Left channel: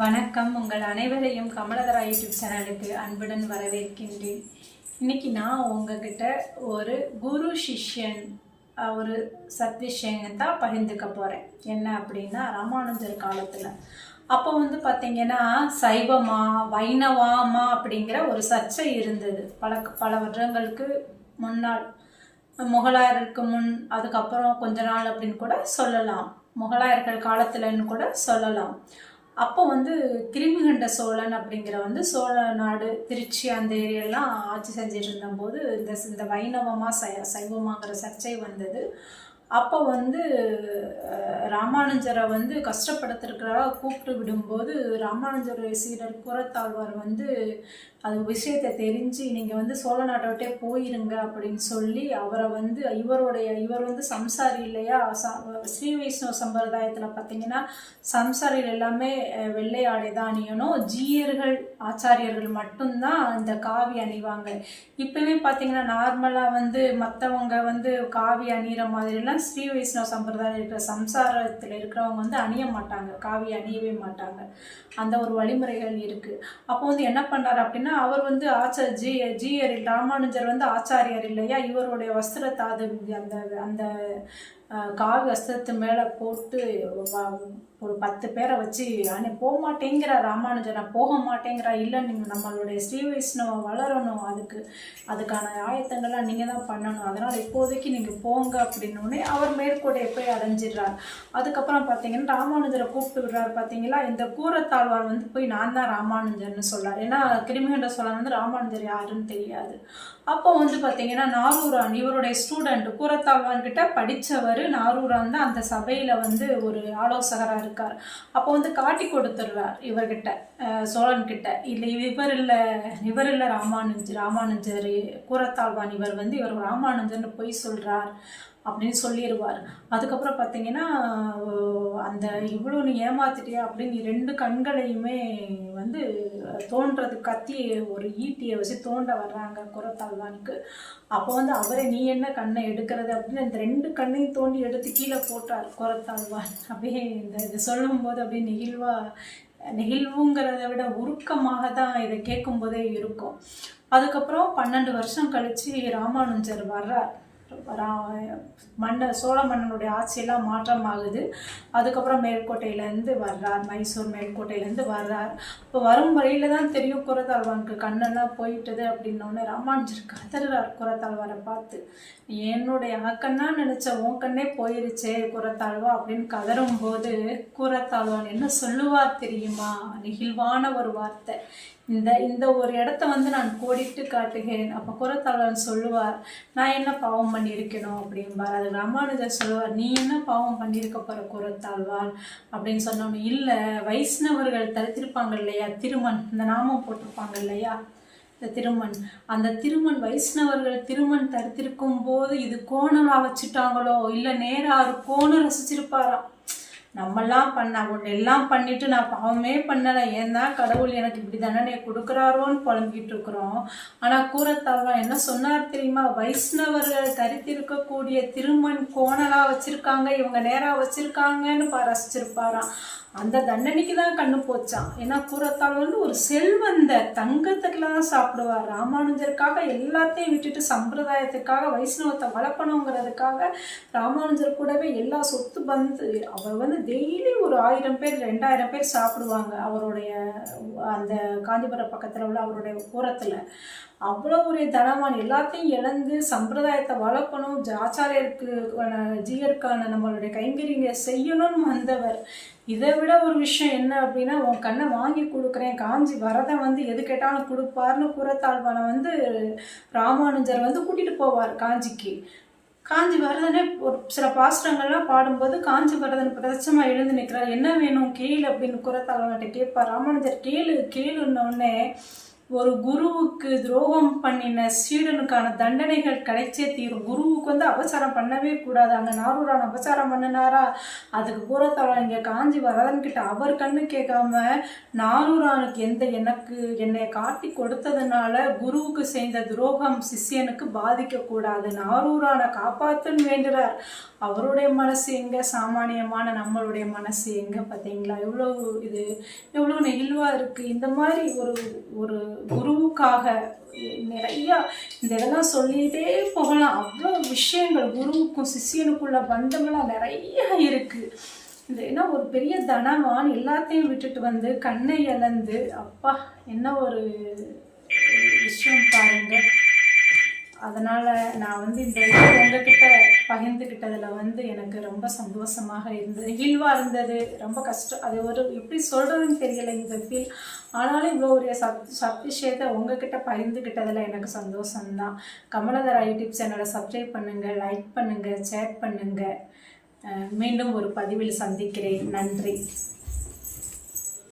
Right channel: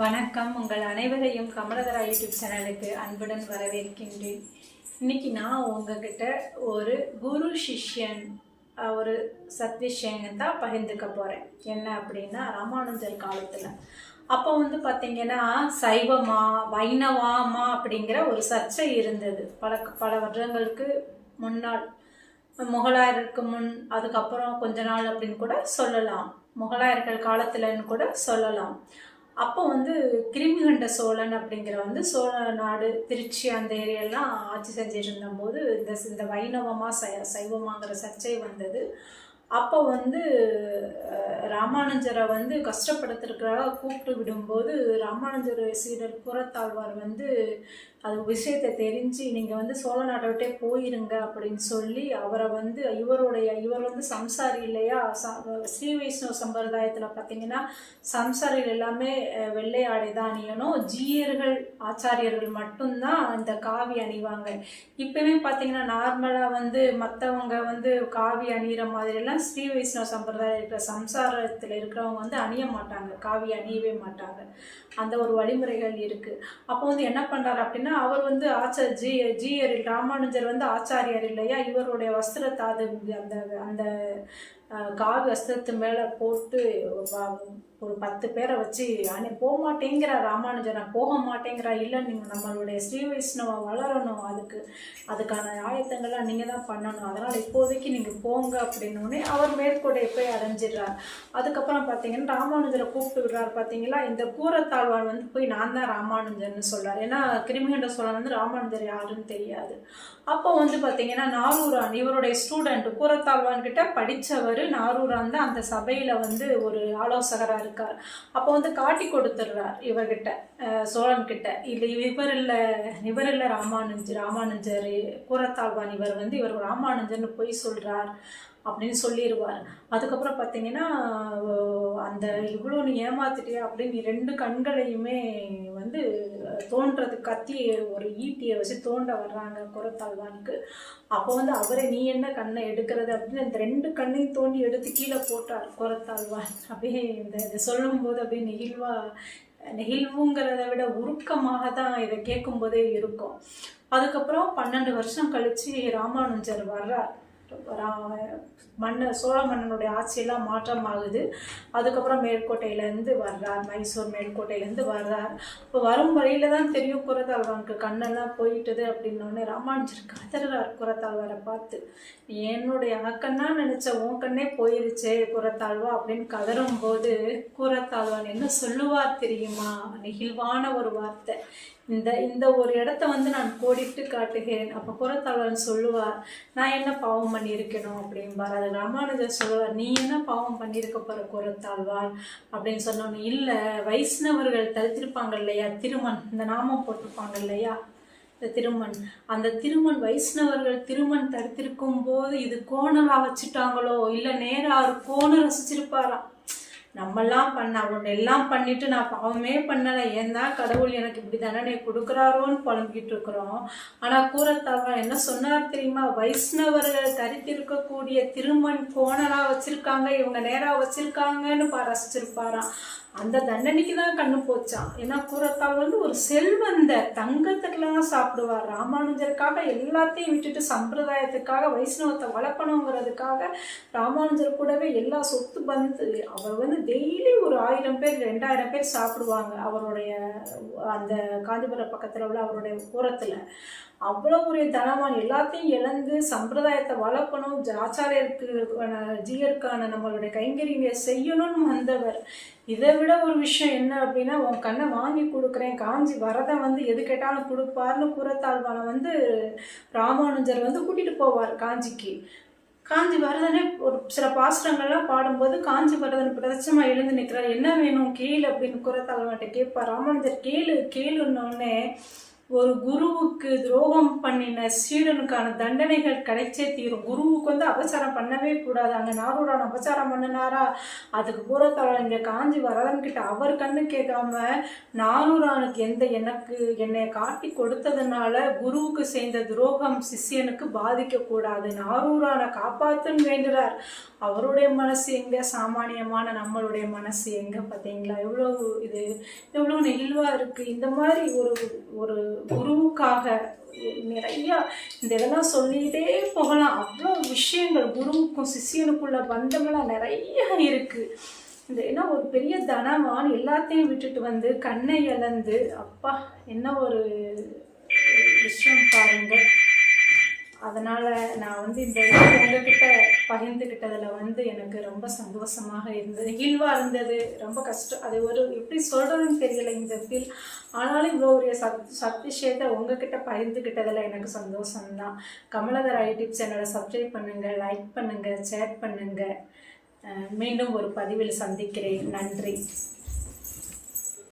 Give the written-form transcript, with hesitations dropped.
வணக்கம். உங்கள் அனைவரையும் கமலதரா யூடியூப் சேனலுக்கு அன்புடன் வரவேற்கின்றேன். இன்னைக்கு நான் உங்ககிட்ட ஒரு குரு சிஷ்யன் ஒரு சத்விஷயம் தான் பகிர்ந்துக்க போகிறேன். என்ன அப்படின்னா, ராமானுஜர் காலத்தில் அப்போ பார்த்தீங்கன்னா சைவமா வைணவமா அப்படிங்கிற ஒரு சர்ச்சை இருந்தது. பல வருடங்களுக்கு முன்னால், முகலாயருக்கு முன், அதுக்கப்புறம் கொஞ்ச நாள் அப்படின்னு கூட சொல்லலாம், முகலாயர்கள் காலத்துலன்னு கூட சொல்லலாம். அப்போ கிருமிகண்ட சோழன் அப்படிங்கிற சோழ நாடு, திருச்சி அந்த ஏரியாலாம் ஆட்சி செஞ்சுட்டு இருந்தபோது இந்த வைணவமா சைவமாங்கிற சர்ச்சை வந்தது. அப்போ ராமானுஜரை கஷ்டப்படுத்திருக்கிறதாக கூப்பிட்டு விடும்போது ராமானுஜர் சீடர் கூரத்தாழ்வார் அது விஷயத்தை தெரிஞ்சு நீங்கள் சோழ நாட்டை விட்டே போயிருங்க அப்படின்னு சொல்லி அவரை இவர் சம்சாரி இல்லையா. ஸ்ரீ வைஷ்ணவ சம்பிரதாயத்தில் பார்த்தீங்கன்னா சம்சாரிகள் எல்லாமே வெள்ளை ஆடை தான் அணியணும். ஜீயர்கள் ஆச்சாரியர்கள் மட்டும்தான் இந்த காவி அணிவாங்க. இப்போவே பார்த்தீங்கன்னா நார்மலாக மற்றவங்க காவி அணிகிற மாதிரிலாம் ஸ்ரீ வைஷ்ணவ சம்பிரதாயம் இருக்கிற சம்சாரத்தில் இருக்கிறவங்க அணிய மாட்டாங்க, காவி அணியவே மாட்டாங்க. அந்த ஒரு வழிமுறைகள் இருக்குது. அப்போ என்ன பண்ணுறாரு அப்படின்னா, அவர் ஜீயர் ராமானுஜர் ஆச்சாரியார் இல்லையா, இவருடைய வஸ்திரத்தை அந்த அந்த காவி வஸ்திரத்து மேலே போட்டு ஒரு 10 பேரை வச்சு போக மாட்டேங்கிற ராமானுஜர், நான் போக மாட்டேங்கிறா. இல்லை, நீங்கள் நம்மளுடைய ஸ்ரீ வைஷ்ணவம் வளரணும், அதுக்கான ஆயத்தங்கள்லாம் நீங்கள் தான் பண்ணணும், அதனால் இப்போதைக்கு நீங்கள் போங்க அப்படின்னோடனே அவர் மேற்கோட்டை போய் அடைஞ்சிடுறார். அதுக்கப்புறம் பார்த்தீங்கன்னா ராமானுஜரை கூப்பிட்டு விடுறார். பார்த்தீங்களா, இந்த கூரத்தாழ்வார் போய் நான் தான் ராமானுஜர்னு சொல்கிறார். ஏன்னா கிருமிகண்ட சோழன் ராமானுஜர் யாருன்னு தெரியாது. அப்போ பார்த்தீங்கன்னா நாரூரான், இவருடைய ஸ்டூடெண்ட், கூரத்தாழ்வான் கிட்ட படித்தவர் நாரூரான் தான் அந்த சபையில் ஒரு ஆலோசகராக இருக்கார். அப்போ காட்டி கொடுத்துட்றார் இவர்கிட்ட, சோழன்கிட்ட. இல்லை, இவர் இல்லை ராமானுஜர் கூரத்தாழ்வான், இவர் ராமானுஜர்னு போய் சொல்கிறார் அப்படின்னு சொல்லிடுவார். அதுக்கப்புறம் பார்த்தீங்கன்னா அந்த இவ்வளோ நீ ஏமாத்திட்டியா அப்படின்னு 2 கண்களையுமே தோன்றது கத்தி ஒரு ஈட்டியை வச்சு தோண்ட வர்றாங்க கூரத்தாழ்வானுக்கு. அப்போ அவரை நீ என்ன கண்ணை எடுக்கிறது அப்படின்னு இந்த 2 கண்ணையும் தோண்டி எடுத்து கீழே போட்டார் கூரத்தாழ்வான். அப்படியே இதை சொல்லும்போது அப்படியே நெகிழ்வுங்கிறத விட உருக்கமாக தான் இதை கேட்கும்போதே இருக்கும். அதுக்கப்புறம் 12 வருஷம் கழித்து ராமானுஜர் வர்றார். சோழ மன்னனுடைய ஆட்சியெல்லாம் மாற்றமாகுது. அதுக்கப்புறம் மேல்கோட்டையிலேருந்து வர்றார், மைசூர் மேல்கோட்டையிலேருந்து வர்றார். இப்போ வரும் வழியில் தான் தெரியும் கூரத்தாழ்வானுக்கு கண்ணெல்லாம் போயிட்டுது அப்படின்னோடனே ராமானுஜர் கதறார் கூரத்தாழ்வாரை பார்த்து, என்னுடைய அக்கன்னா நினச்ச உன் கண்ணே போயிருச்சே கூரத்தாழ்வா அப்படின்னு கதறும்போது கூரத்தாழ்வான் என்ன சொல்லுவார் தெரியுமா? நெகிழ்வான ஒரு வார்த்தை. இந்த ஒரு இடத்த நான் கோடிட்டு காட்டுகிறேன். அப்போ கூரத்தாழ்வான் சொல்லுவார், நான் என்ன பாவம் பண்ணியிருக்கணும் அப்படின்பார். அது ராமானுஜர் சொல்லுவார், நீ என்ன பாவம் பண்ணியிருக்க போகிற கூரத்தாழ்வான் அப்படின்னு சொன்னோன்னு, இல்லை, வைஷ்ணவர்கள் தரித்திருப்பாங்க இல்லையா, திருமண், இந்த நாமம் போட்டிருப்பாங்க இல்லையா, இந்த திருமண், அந்த திருமண் வைஷ்ணவர்கள் திருமண் தரித்திருக்கும் போது இது கோணலாக வச்சுட்டாங்களோ, இல்லை நேராக ஒரு கோணம் ரசிச்சிருப்பாராம். நம்மெல்லாம் எல்லாம் பண்ணிட்டு நான் பாவமே பண்ணலை, ஏன்னா கடவுள் எனக்கு இப்படி தண்டனை கொடுக்குறாரோன்னு புலம்பிக்கிட்டு இருக்கிறோம். ஆனால் கூரத்தாழ்வான் என்ன சொன்னார் தெரியுமா? வைஷ்ணவர்கள் தரித்திருக்கக்கூடிய திருமண் கோணலாக வச்சுருக்காங்க, இவங்க நேராக வச்சுருக்காங்கன்னு ரசிச்சிருப்பாராம். அந்த தண்டனைக்கு தான் கண்ணு போச்சான். ஏன்னா கூரத்தாழ்வான் ஒரு செல்வந்த தங்கத்துக்கெல்லாம் சாப்பிடுவார். ராமானுஜருக்காக எல்லாத்தையும் விட்டுட்டு சம்பிரதாயத்துக்காக வைஷ்ணவத்தை வளர்க்கணுங்கிறதுக்காக ராமானுஜர் கூடவே எல்லா சொத்து அவர் டெய்லி ஒரு 1000 பேர் 2000 பேர் சாப்பிடுவாங்க அவருடைய அந்த காஞ்சிபுரம் பக்கத்தில் உள்ள அவருடைய கூரத்தில். அவ்வளோ ஒரு தனவான், எல்லாத்தையும் இழந்து சம்பிரதாயத்தை வளர்க்கணும், ஜீயருக்கான நம்மளுடைய கைங்கரியை செய்யணும்னு வந்தவர். இதை விட ஒரு விஷயம் என்ன அப்படின்னா, உன் கண்ணை வாங்கி கொடுக்குறேன், காஞ்சி வரதன் எது கேட்டாலும் கொடுப்பார்னு கூரத்தாழ்வானை ராமானுஜர் கூட்டிகிட்டு போவார் காஞ்சிக்கு. காஞ்சி வரதனே ஒரு சில பாசுரங்கள்லாம் பாடும்போது காஞ்சி வரதன் பிரதட்சமாக எழுந்து நிற்கிறார். என்ன வேணும் கேளு அப்படின்னு கூரத்தாழ்வான்கிட்ட கேட்பார். ராமானுஜர் கேளுன்னொடனே ஒரு குருவுக்கு துரோகம் பண்ணின சீடனுக்கான தண்டனைகள் கிடைச்சே தீரும். குருவுக்கு வந்து அபச்சாரம் பண்ணவே கூடாது. அங்கே நாரூரான் அபச்சாரம் பண்ணினாரா, அதுக்கு கூறத்தாழ இங்கே காஞ்சி வரதன்கிட்ட அவர் கண்ணு கேட்காம நாரூரானுக்கு என்னைய காட்டி கொடுத்ததுனால குருவுக்கு செய்த துரோகம் சிஷ்யனுக்கு பாதிக்கக்கூடாது, நாரூரானை காப்பாத்துன்னு வேண்டுறார். அவருடைய மனசு எங்கே, சாமானியமான நம்மளுடைய மனசு எங்கே பார்த்தீங்களா? எவ்வளோ நெகிழ்வாக இருக்குது. இந்த மாதிரி ஒரு குருவுக்காக நிறையா இதெல்லாம் சொல்லிகிட்டே போகலாம். அவ்வளோ விஷயங்கள் குருவுக்கும் சிஷியனுக்குள்ள பந்தமெல்லாம் நிறைய இருக்குது. ஏன்னா ஒரு பெரிய தனவான் எல்லாத்தையும் விட்டுட்டு வந்து கண்ணை இழந்து, அப்பா என்ன ஒரு விஷயம் பாருங்க. அதனால் நான் வந்து இந்த உங்ககிட்ட பகிர்ந்துக்கிட்டதில் எனக்கு ரொம்ப சந்தோஷமாக இருந்தது, நெகிழ்வாக இருந்தது. ரொம்ப கஷ்டம், அது எப்படி சொல்கிறதுன்னு தெரியலை இந்த ஃபீல். ஆனாலும் இவ்வளோ ஒரு விஷயத்தை உங்ககிட்ட பகிர்ந்துக்கிட்டதில் எனக்கு சந்தோஷம்தான். கமலதரா யூடியூப் சேனலை சப்ஸ்கிரைப் பண்ணுங்கள், லைக் பண்ணுங்கள், ஷேர் பண்ணுங்கள். மீண்டும் ஒரு பதிவில் சந்திக்கிறேன். நன்றி.